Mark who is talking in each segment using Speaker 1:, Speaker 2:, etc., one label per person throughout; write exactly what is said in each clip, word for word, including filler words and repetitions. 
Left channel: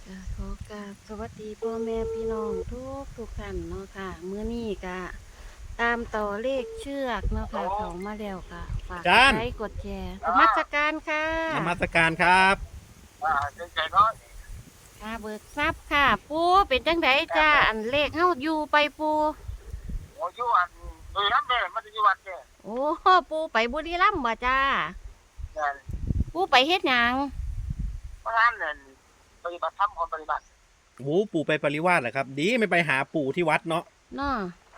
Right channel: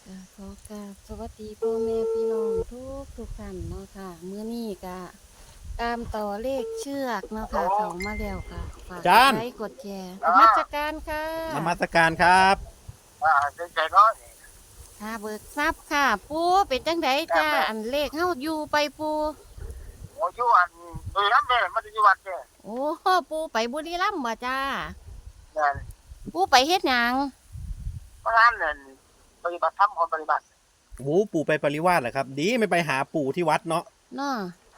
Speaker 1: ก็ขอกราบสวัสดีพ่อแม่พี่น้องทุกทุกท่านเนาะค่ะมื้อนี้ก็ตามต่อเลขเชือกเนาะค่ะเขามาแล้วค่ะฝากกด
Speaker 2: จาน
Speaker 1: ไลค์กดแชร์นมัสการค่ะ
Speaker 2: นมัสการครับ
Speaker 3: อ่าเป็นใจน้อย
Speaker 1: ค่ะเบิกทรัพย์ค่ะ ปูเป็นจังไดจ้าอันเลขเฮาอยู่ไปปู
Speaker 3: โอ้ยวันโดยน้ำเลยมันจะอยู่วันเนี่ย
Speaker 1: โอ้ปูไปบุรีรัมย์บ่จ้า
Speaker 3: เนี่ย
Speaker 1: ปูไปเฮ็ดหยัง
Speaker 3: เพราะงั้นเนี่ยปฏิบัติธรรมคนปฏิบัติ
Speaker 2: โอ้ปู่ไปปริวาสเหรอครับ ดีไม่ไปหาปู่ที่วัดเนาะ
Speaker 1: เนาะ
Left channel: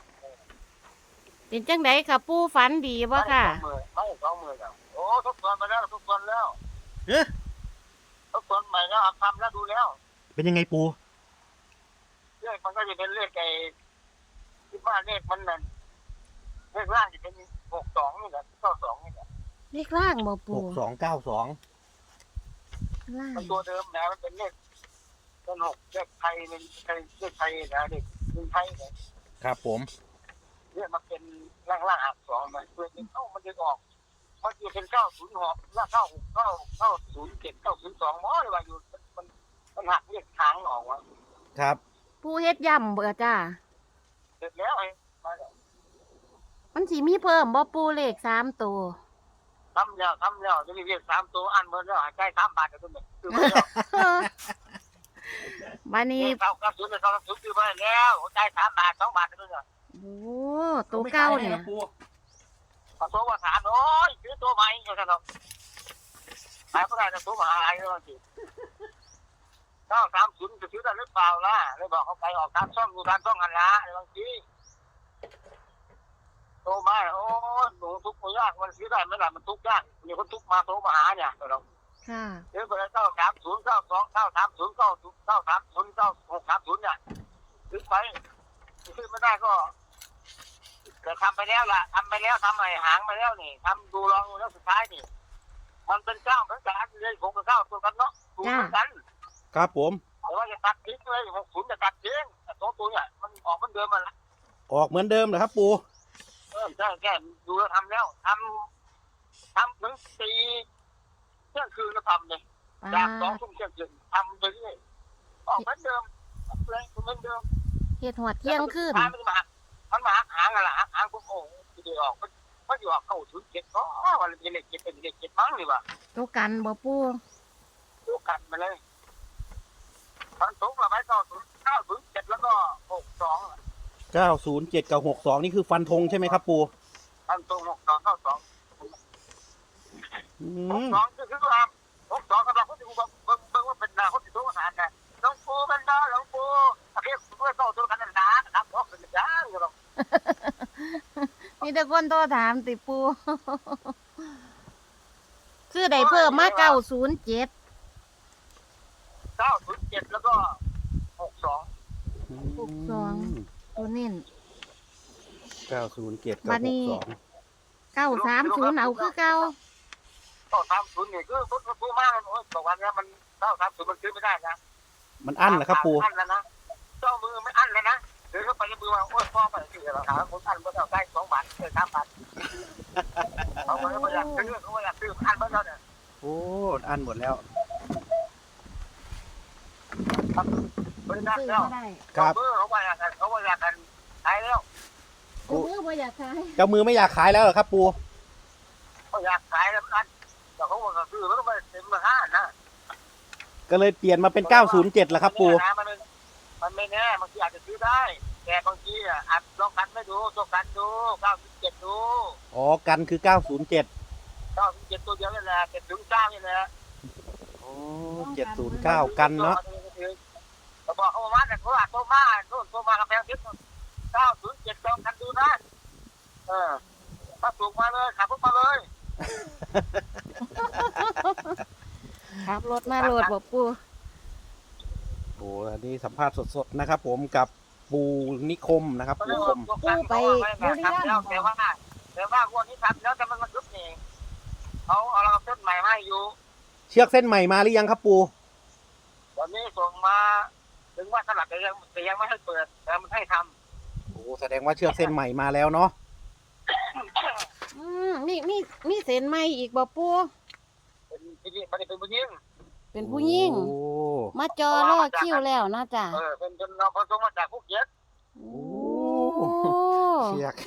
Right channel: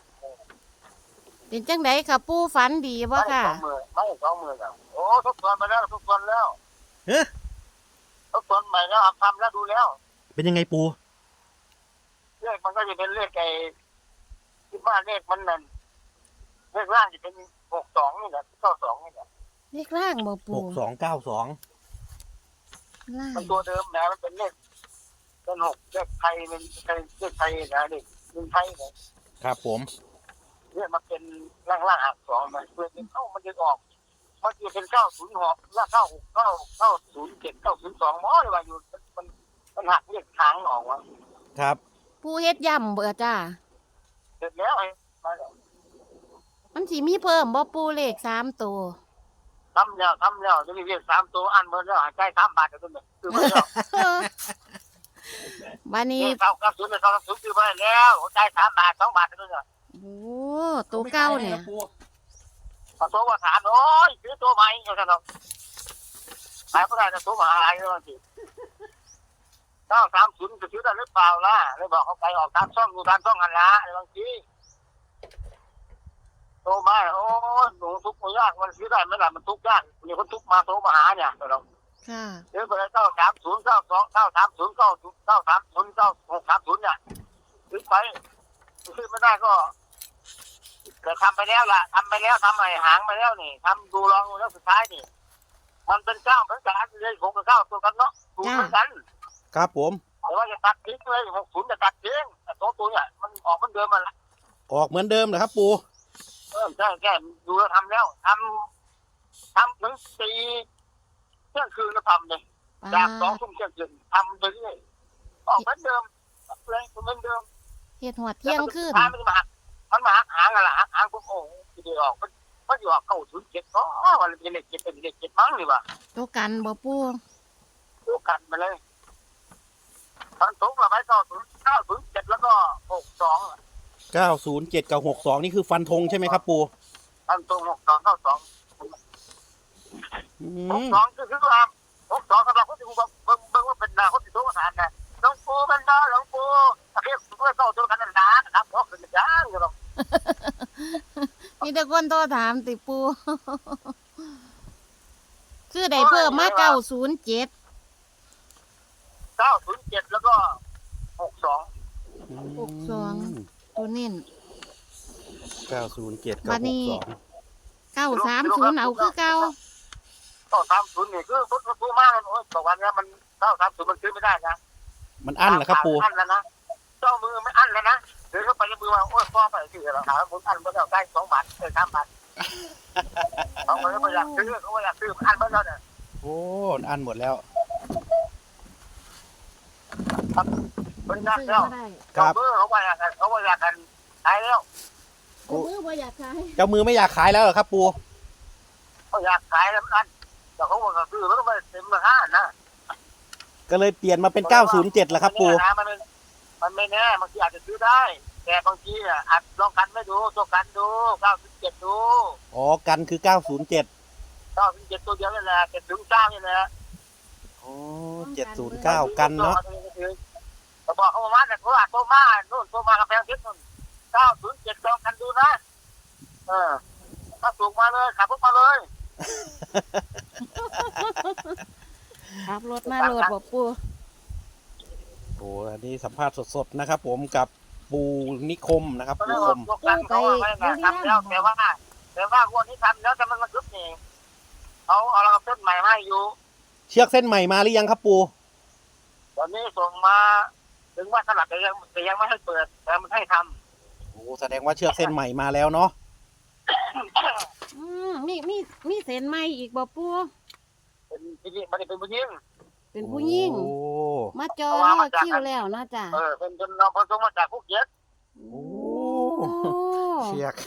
Speaker 1: เป็นจังไดค่ะปูฝันดีบ่ค่ะ
Speaker 3: ไม่สองมือไม่สองมือแล้วโอ้ทุกส่วนไปแล้วทุกส่วนแล้ว
Speaker 2: เอ๊ะ
Speaker 3: ทุกส่วนใหม่แล้วทำแล้วดูแล้ว
Speaker 2: เป็นยังไงปู่
Speaker 3: เลขมันก็จะเป็นเลขไอ้ที่ว่าเลขมันนั่นเลขล่างจะเป็นหกสองนี่แหละเก้าสองนี่แหละ
Speaker 1: เลขล่างบ่
Speaker 2: ห
Speaker 1: ปู
Speaker 2: กสองเก้าสอง
Speaker 1: ล่าง
Speaker 3: มันตัวเดิมนะมันเป็นเลขเป็นหกเลขไทยเป็นเลขไทยนะเลขเป็นไทยเนี่ย
Speaker 2: ครับผม
Speaker 3: เนี่ยมันเป็นล่างล่างหักสองมันเพื่อเป็นเข้ามันจะออกมันจะเป็นเก้าศูนย์หกแล้วเก้าหกเก้าเก้าศูนย์เจ็ดเก้าศูนย์สองมอเลยว่าอยู่มันมันหักเรียกทางออกว่า
Speaker 2: ครับ
Speaker 1: ปูเฮ็ดย่ำเบ่จ้า
Speaker 3: เสร็จแล้วไอ้มาแล้ว
Speaker 1: มันสิมีเพิ่มบ่ปูเลขสามตัว
Speaker 3: ทำแล้วทำแล้วจะมีเรียกสามตัวอันเมื่อแล้วหายใจสามบาทเดี๋ยวนี้คือเมื่อแล้ว
Speaker 1: บัดนี้
Speaker 3: เก้าเก้าศูนย์เก้าศูนย์คือไปแล้วหัวใจสามบาทสองบาทเดี๋ยวนี้
Speaker 1: โอ้ตัวเก้าเนี่ย
Speaker 3: พอตัวว่าสามโอ้ยซื้อตัวใหม่เขาจะต้องขายก็ได้แต่ตัวมหาอะไรแล้วสิเก้าสามศูนย์จะซื้อได้หรือเปล่าล่ะเลยบอกเขาไปออกตามช่องดูตามช่องกันละบางทีโตมาโอ้หนูทุกข์มันยากมันซื้อได้ไหมล่ะมันทุกข์ยากมีคนทุกข์มาโตมาหาเนี่ยเรา
Speaker 1: ค่ะ
Speaker 3: เดี๋ยวไปเก้าสามศูนย์เก้าสองเก้าสามศูนย์เก้าเก้าสามศูนย์เก้าหกสามศูนย์เนี่ยซื้อไปซื้อไม่ได้ก็แต่ทำไปแล้วล่ะทำไปแล้วทำไอ้หางไปแล้วนี่ทำดูลองดูแล้วสุดท้ายนี่มันเป็นเก้าเหมือนกันเลยผมกับเก้าตัวกันเนาะถูกเหมือนกัน
Speaker 2: ครับผม
Speaker 3: แต่ว่าจะตัดทิ้งเลยหกศูนย์จะตัดทิ้งแต่ตัวตัวเนี่ยมันออกเหมือนเดิมมันละ
Speaker 2: ออกเหมือนเดิมเหรอครับปู่
Speaker 3: เออใช่แค่ดูแล้วทำแล้วทำทำถึงตีเที่ยงคืนแล้วทำเลย
Speaker 1: ปลา
Speaker 3: จากสองทุ่มเที่ยงคืนทำไปเรื่อยออกเหมือนเดิมเลยเหมือนเดิม
Speaker 1: เฮ็ดหัวเที่ยงคืน
Speaker 3: มันมามันมาหางอะไรหางพวกโอ้ทีเดียวออกมันมันอยู่ออกเข้าศูนย์เจ็ดก็วันเป็นเลขเจ็ดเป็นเลขเจ็ดมั้งนี่วะ
Speaker 1: ตัวกันบ่ปู
Speaker 3: ดูกันไปเลยตอนสูงเราไปเก้าศูนย์เก้าศูนย์เจ็ดแล้วก็หกสอง
Speaker 2: เก้าศูนย์เจ็ดกับหกสองนี่คือฟันธงใช่ไหมครับปู่
Speaker 3: ตอนสูงหกสองเก้าสอง
Speaker 2: อื
Speaker 3: หก
Speaker 2: ม
Speaker 3: สองคือคือว่าหกสองสำหรับคนที่เบิ่งเบิ่งว่าเป็นนาคนที่ตัวภาษาเนี่ยหลวงปู่เป็นนาหลวงปู่เรียกตัวเก้าตัวกันนั่นนะครับเพราะเป็นอย่างอยู่หรอก
Speaker 1: มีแต่คนโทรถามติปู คือได้เพิ่มมาเก้าศูนย์เจ็ด
Speaker 3: เก้าศูนย์เจ็ดแล้วก็หกสอง
Speaker 1: หกสองตัวเน้น
Speaker 2: เก้าศูนย์เจ็ดกับ
Speaker 1: บัด
Speaker 2: ห
Speaker 1: นี้
Speaker 2: กสอง
Speaker 1: เก้าสามศูนย์เอาคือเก้า
Speaker 3: ก็สามศูนย์นี่คือคนผู้มากเลยโอ้ยบอกว่าเนี้ยมันเก้าสามศูนย์มันซื้อไม่ได้นะ
Speaker 2: มันอั้นเหรอครับปู่
Speaker 3: อันแล้วนะเจ้ามือไม่อันแล้วนะเดินเข้าไปในมือว่าโอ้ยพ่อไปซื้อแล้วครับผมอันเมื่อเราได้สองบาทเลยสามบาทเขาก็เลยไม่อยากซื้อเขาไม่อยากซื้ออันเมื่อเราเนี่ย
Speaker 2: โอ้อั้นหมดแล้ว
Speaker 3: ครับบริษัท
Speaker 1: ซื้อ
Speaker 3: แล้ว
Speaker 1: มาได้
Speaker 2: ครับ
Speaker 3: เจ้ามือเขาไม่อยากกันเขาไม่อยากกันขายแล้ว
Speaker 1: กูมือบ่อยากขาย
Speaker 2: เจ้ามือไม่อยากขายแล้วเหรอครับปู่
Speaker 3: เขาอยากขายแล้วอันแต่เขาบอกว่าซื้อมันก็ไม่เต็มราคานะ
Speaker 2: ก็เลยเปลี่ยนมาเป็นเก้าศูนย์เจ็ดแล้วครับปู่
Speaker 3: มันมันไม่แน่บางทีอาจจะซื้อได้ แต่บางทีอ่ะอาจลองกันไม่ดูตัวกันดูเก้าสิบเจ็ดดู
Speaker 2: อ๋อกันคือเก้าศูนย์เจ็ด
Speaker 3: เก้าสิบเจ็ดตัวเดียวนี่แหละเจ็ดถึงเก้านี่แหละ
Speaker 2: อ๋อเจ็ดศูนย์เก้ากันเนาะ
Speaker 3: เขาบอกเขามาแต่โทรหาโทรมาโน่นโทรมากาแฟทิพย์เก้าศูนย์เจ็ดลองกันดูนะเออถ้าถูกมาเลยขับรถมาเลย
Speaker 1: ขับรถมาโหลดบ่ปู
Speaker 2: โอ้อันนี้สัมภาษณ์สดๆนะครับ ผมกับปูนิคมนะครับ
Speaker 3: ก็เล
Speaker 2: ปู
Speaker 3: ย
Speaker 2: ค
Speaker 3: ว่าม ตัวกันเขาไม่ได้ทำแล้วแต่ว่าแต่ว่าวันนี้ทำแล้วแต่มันมันยุบนี่เขาเอาเราเส้นใหม่ให้อยู่
Speaker 2: เชือกเส้นใหม่มาหรือยังครับปู
Speaker 3: ตอนนี้ส่งมาถึงว่าสลับแต่ยังแต่ยังไม่ให้เปิดแต่มันให้ท
Speaker 2: โอ้แสดงว่าเชือกเส้นใหม่มาแล้วเนาะ
Speaker 1: อืมมีมีมีเส้นใหม่อีกบ่ปู
Speaker 3: ำเป็นที่นี่มันเป็นผู้หญิง
Speaker 1: เป็นผู้หญิง
Speaker 2: โอ้
Speaker 1: มาจอรอคิวแล้วเนาะจ้ะ
Speaker 3: เออเป็นเป็นน้องคนส่งมาจากภูเก็ต
Speaker 1: โอ้
Speaker 2: เชียก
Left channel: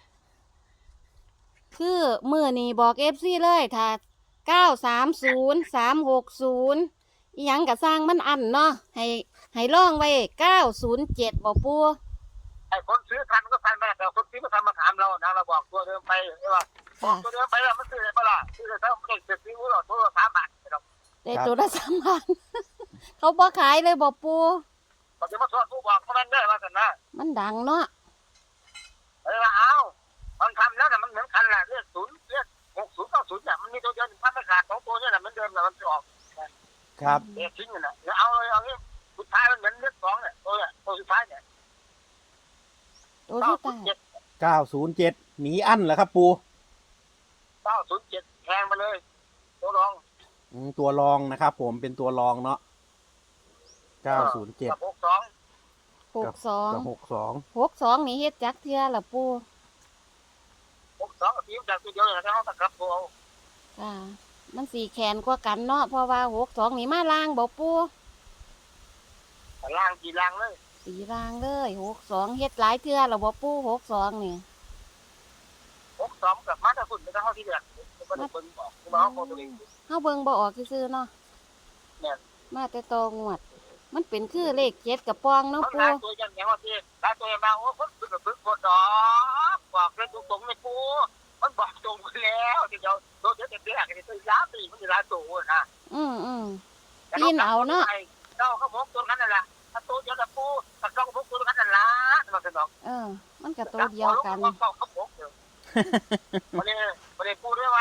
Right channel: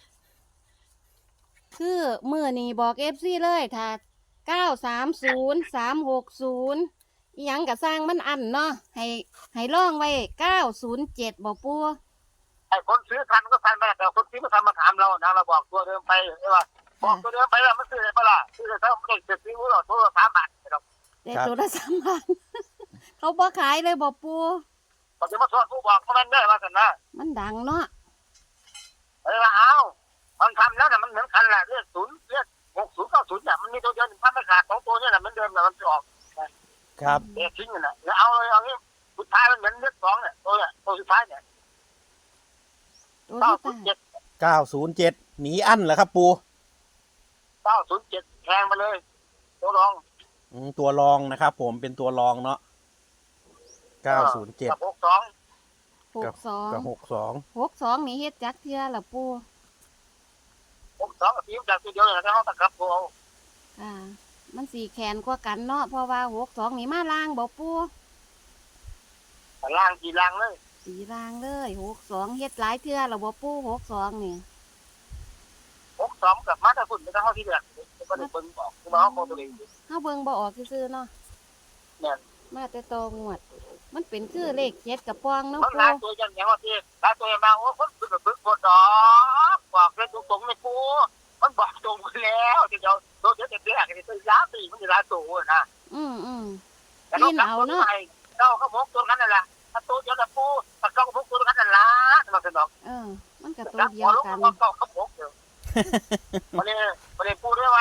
Speaker 1: คือมือนี่บอกเอฟซีเลยถ้าเก้าสามศูนย์สามหกศูนย์อีหยังกะสร้างมันอันเนาะให้ให้ล่องไว้เก้าศูนย์เจ็ดบอกปู
Speaker 3: ไอ้คนซื้อทันก็ทันไปแต่คนซื้อไม่ทันมาถามเรานะเราบอกตัวเดิมไปใช่ป่ะบอกตัวเดิมไปแล้วมันซื้ออะไรเปล่าซื้ออะไรถ้าไม่ได้ซื้อเราตัวละสามบาทเรา
Speaker 1: แต่ตัวละสามพัน เขาบ่ขายเลยบอกปู
Speaker 3: พอจะมาสอนผู้บอกเขามันได้มากันนะ
Speaker 1: มันดังเนาะ
Speaker 3: เออเอามันทำแล้วนะมันเหมือนกันแหละเรียกศูนย์เรียกหกศูนย์เก้าศูนย์เนี่ยมันมีตัวเดียวถ้าไม่ขาดสองตัวเนี่ยแหละมันเดิมแหละมันจะออก
Speaker 2: ครับ
Speaker 3: เด็กทิ้งกันนะแล้วเอาเลยเอางี้สุดท้ายมันเหมือนเลือกสองเนี่ยตัวเนี่ยตัวสุดท้ายเนี่ย
Speaker 1: ตัว
Speaker 3: เก้า
Speaker 1: ที่
Speaker 3: ศู
Speaker 1: ตาน
Speaker 3: ย์เจ็
Speaker 1: ย
Speaker 3: ด
Speaker 2: เก้าศูนย์เจ็ดหนีอั้นเหรอครับปู
Speaker 3: เก้าศูนย์เจ็ดแทงมาเลยตัวรอง
Speaker 2: อืมตัวรองนะครับผมเป็นตัวรองเนาะเก้าศูนย์เจ็ด
Speaker 3: กับหกสอง
Speaker 1: หกสอง
Speaker 2: กับหกสอง
Speaker 1: หกสองนี่เฮ็ดจักเทื่อละปู
Speaker 3: หกสองกับทีมจากตัวเดียวเลยนะเขาตะกับตัว
Speaker 1: ค่ะมันสีแขนกว่ากันเนาะเพราะว่าหกสองนี่มาล่างบอกปู
Speaker 3: ล่างกี่ล่างเลย
Speaker 1: สีล่างเลยหกสองเฮ็ดหลายเทื่อละบอกปูหกสองนี่
Speaker 3: หกสองกับมาตรฝุ่นไม่ต้องเข้าที่เดือดก็ได้เปิ้ลบอกคือมาเขาโคตัวเอง
Speaker 1: เฮาเบิ่งบ่ออกซื่อๆเนาะ
Speaker 3: เนี่ย
Speaker 1: มาแต่ตองวด มันเป็นคือเลขเจ็ดกับปองเนาะ
Speaker 3: มัน
Speaker 1: ปู
Speaker 3: ลาตัวยันอย่างว่าที่ลาตัวยันมาโอ้คนคือแบบบึกบดดอกบอกเลยตรงๆเลยปูมันบอกตรงไปแล้วเดี๋ยวตัวเดี๋ยวจะเดือดจะยาตีมันจะลาตัวนะ
Speaker 1: อืมอืม
Speaker 3: เจ้าเขาพกตัวนั้นนั่นแหละถ้าตัวเดียวกับปูถ้าเขาพกตัวนั้นนั่นละมันจะบอก
Speaker 1: เออ มันก็ตัวเดียวกัน
Speaker 3: เขาเขาพกเดียวประเด็นประเด็นปูด้วยว่า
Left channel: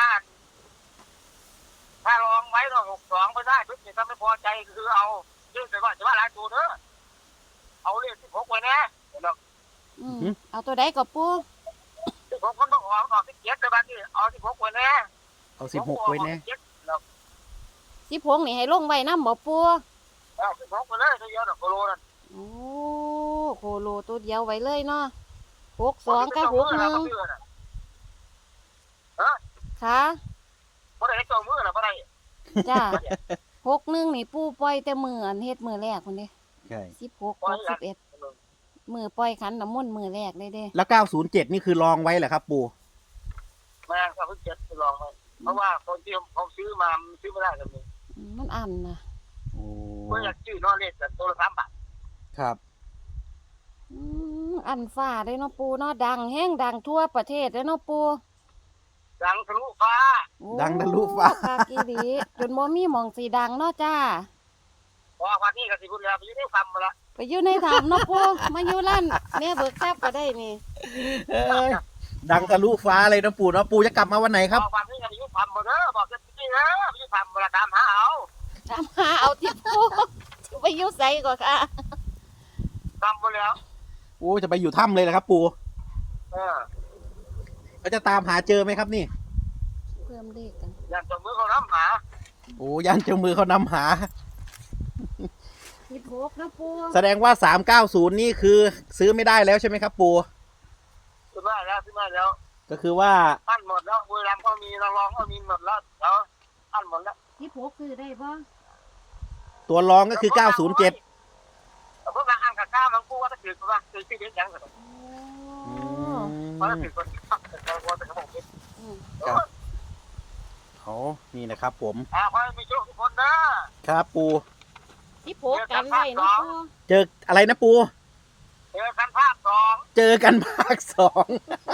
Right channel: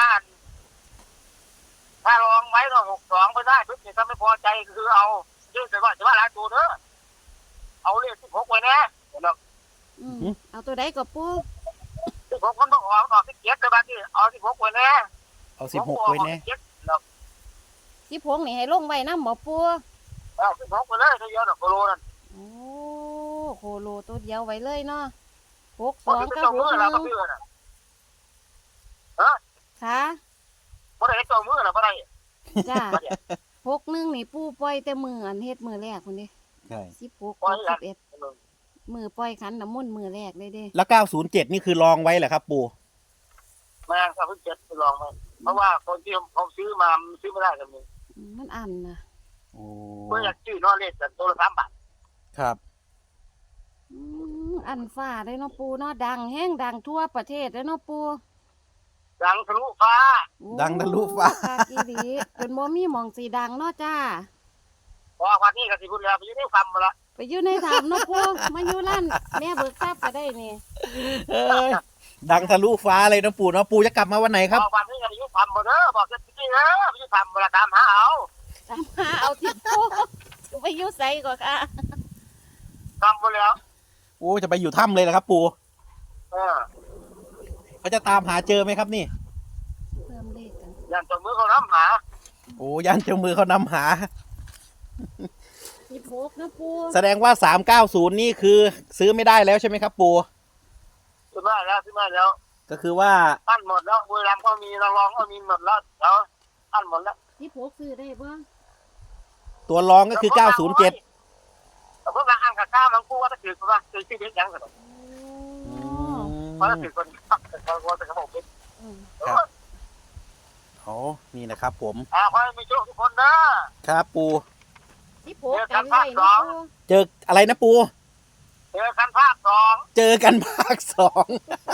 Speaker 3: ถ้าลองไว้เราหกสองไม่ได้ปุ๊บเนี่ยถ้าไม่พอใจคือเอาเรื่องแต่ว่าจะว่าหลายตัวเด้อเอาเลขสิบหกไว้นะเดี๋ยว
Speaker 1: อืมเอาตัวใดก็ปู
Speaker 3: สิบหกมันต้องออกออกสิบเจ็ดแต่บางทีเอาสิบหกไว้นะ
Speaker 2: เอาสิบหกไว้แน่
Speaker 1: สิบหกนี่ให้ลงไว้นำบ่ปู
Speaker 3: เอาสิบหกไปเลยเดียวหนึ่งกิโลนั่น
Speaker 1: โอ้โคโลตัวเดียวไว้เลยเนาะหกสอง
Speaker 3: ก็
Speaker 1: กับ
Speaker 3: ห
Speaker 1: ห
Speaker 3: ก
Speaker 1: ก
Speaker 3: ห
Speaker 1: ห
Speaker 3: นึ่
Speaker 1: นึ่
Speaker 3: ง
Speaker 1: ง ค่ะ
Speaker 3: บ่ได้เจ้ามือหรอบ่ได้
Speaker 1: จ้าหกหนึ่งนี่ปูปล่อยแต่มืออันเฮ็ดมือแรกคนนี้
Speaker 2: ใช่
Speaker 1: สิบหกหกสิบเอ็ดมือปล่อยขันน้ำมนต์มือแรกเลยเด้
Speaker 2: แล้วเก้าศูนย์เจ็ดนี่คือรองไว้เหรอครับปู
Speaker 3: แม่ถ้าเพิ่งเจ็ดไปลองไหมเพราะว่าคนที่เขาซื้อมาซื้อไม่ได้กันเลย
Speaker 1: อืมมันอันนะ
Speaker 2: โอ้
Speaker 3: เพื่ออยากซื้อนอเลขกันตัวละสามบาท
Speaker 2: ครับ
Speaker 1: อืมอันฟ้าได้เนาะปูเนาะดังแห้งดังทั่วประเทศได้เนาะปู
Speaker 3: ดังทะลุฟ้า
Speaker 1: โอ้
Speaker 2: ดังทะลุฟ้า
Speaker 1: คากีดีจนบ่มีหมองสีดังเนาะจ้า
Speaker 3: พอวันนี้ก็สิพูดแล้วไปอยู่ในคำมาละ
Speaker 1: ไปอยู่ในถ้ำเนาะปูมาอยู่ร้านแม่เบิกทรัพย์ก็ได้นี่
Speaker 2: เอ้ยดังทะลุฟ้าเลยนะปูเนาะปูจะกลับมาวันไหนครับ
Speaker 3: พอวันนี้ก็ไปอยู่คำมาเด้อบอกจะที่เด้อไปอยู่คำมาละตามหาเอา
Speaker 1: ตามหาเอาที่ปูไปอยู่ไสก่อนค่ะ
Speaker 3: คำมาแล้ว
Speaker 2: โอ้จะไปอยู่ถ้ำเลยเหรอครับปู
Speaker 3: เออ
Speaker 2: เขาจะตามหาเจอไหมครับนี่
Speaker 1: เพิ่มเลขกัน
Speaker 3: อย่างจมือเขาน้ำหา
Speaker 2: โอ้ยันเจ้ามือเขานำหา
Speaker 1: สิบหกนะปู
Speaker 2: แสดงว่าสามเก้าศูนย์นี่คือซื้อไม่ได้แล้วใช่ไหมครับปู
Speaker 3: ซื้อมาแล้วซื้อมาแล้ว
Speaker 2: ก็คือว่า
Speaker 3: ตั้นหมดแล้วบุรีรัมย์ก็มีระลองก็มีหมดแล้วเดี๋ยวตั้นหมดแล้ว
Speaker 1: สิบหกซื้อได้บ่
Speaker 2: ตัวรองก็คือเก้าศูนย์เจ็ด
Speaker 3: แต่พวกเราอ่างกับข้าวมันกู้ว่าถ้าถือว่าถือที่เด็กยังกัน
Speaker 1: โอ้
Speaker 3: เพราะถ้าถือคนแต่เขาว่าแต่เขาบอก
Speaker 1: อืม
Speaker 2: โอ้นี่นะครับผม
Speaker 3: อ่าขอให้มีโชคทุกคนนะครับ
Speaker 2: ปู
Speaker 1: สิบหกกันไว้เนาะปู
Speaker 2: เจออะไรนะปู
Speaker 3: เจอกันภาคสอง
Speaker 2: เจอกันภาคสอง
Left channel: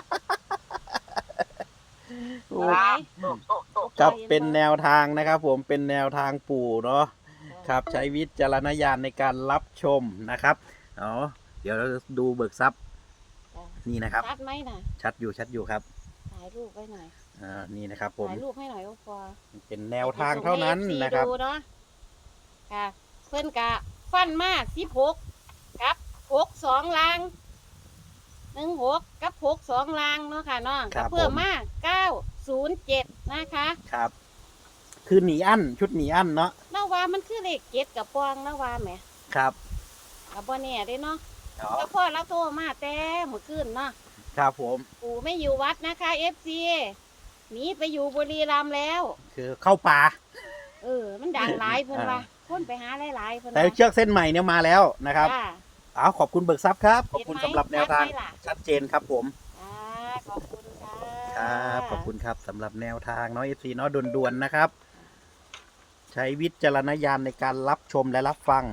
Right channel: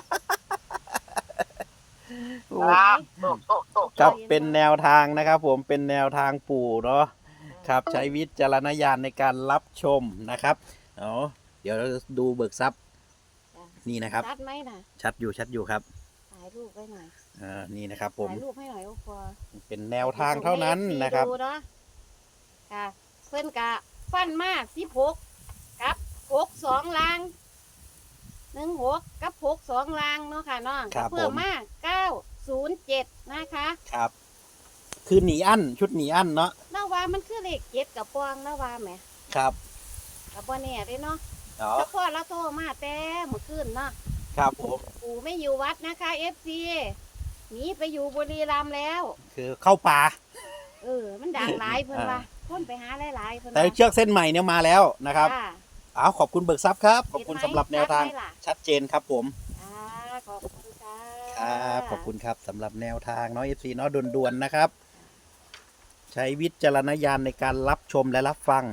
Speaker 2: โอ้
Speaker 3: นะโตโตโต
Speaker 2: ครับเป็นแนวทางนะครับ ผมเป็นแนวทางปู่เนาะครับใช้วิจารณญาณในการรับชมนะครับเอาเดี๋ยวเราดูเบิกทรัพย์นี่นะครับ
Speaker 1: ชัดไหมน่ะ
Speaker 2: ชัดอยู่ชัดอยู่ครับ
Speaker 1: ถ่ายรูปไว้หน่อย
Speaker 2: อ่านี่นะครับ ผม
Speaker 1: ถ่ายรูปให้หน่อยโอ้ปอ
Speaker 2: เป็นแนวทางเท่านั้นนะครับ
Speaker 1: ดูเนาะค่ะเพื่อนกะฟันมากสิบหกกับหกสองลางหนึ่งหกกับหกสองลางเนาะค่ะน้อง
Speaker 2: ครับ
Speaker 1: เพิ่ม
Speaker 2: ผม
Speaker 1: มากเก้าศูนย์เจ็ดนะคะ
Speaker 2: ครับ คือหนีอั้นชุดหนีอั้นเนาะ
Speaker 1: นาวามันคือเลขเจ็ดกับปองนาวาไหม
Speaker 2: ครับ
Speaker 1: กับบ่เนี่ยได้เนาะ
Speaker 2: อ๋อ
Speaker 1: แล้วพ่อละโทรมาแต่เมื่อคืนเนาะ
Speaker 2: ครับผม
Speaker 1: ปู่ไม่อยู่วัดนะคะเอฟซีหนีไปอยู่บุรีรัมย์แล้ว
Speaker 2: คือเข้าป่า
Speaker 1: คเออ มันดังหลายเพิ่นว่าคนไปหาหลายๆเพิ่น
Speaker 2: แต่
Speaker 1: ว่า
Speaker 2: เชือกเส้นใหม่เนี่ยมาแล้วนะครับ
Speaker 1: จ้า
Speaker 2: เอาขอบคุณเบิกทรัพย์ครับ ขอบคุณ
Speaker 1: เห็นไหม
Speaker 2: สำหรับแนวทาง
Speaker 1: ชัดไหมล่ะ
Speaker 2: ชัดเจนครับผม
Speaker 1: อ่าขอบคุณค่ะ
Speaker 2: ครับขอบคุณครับสำหรับแนวทางเนาะ เอฟ ซี เนาะด่วนๆนะครับ ใช้วิจารณญาณในการรับชมและรับฟัง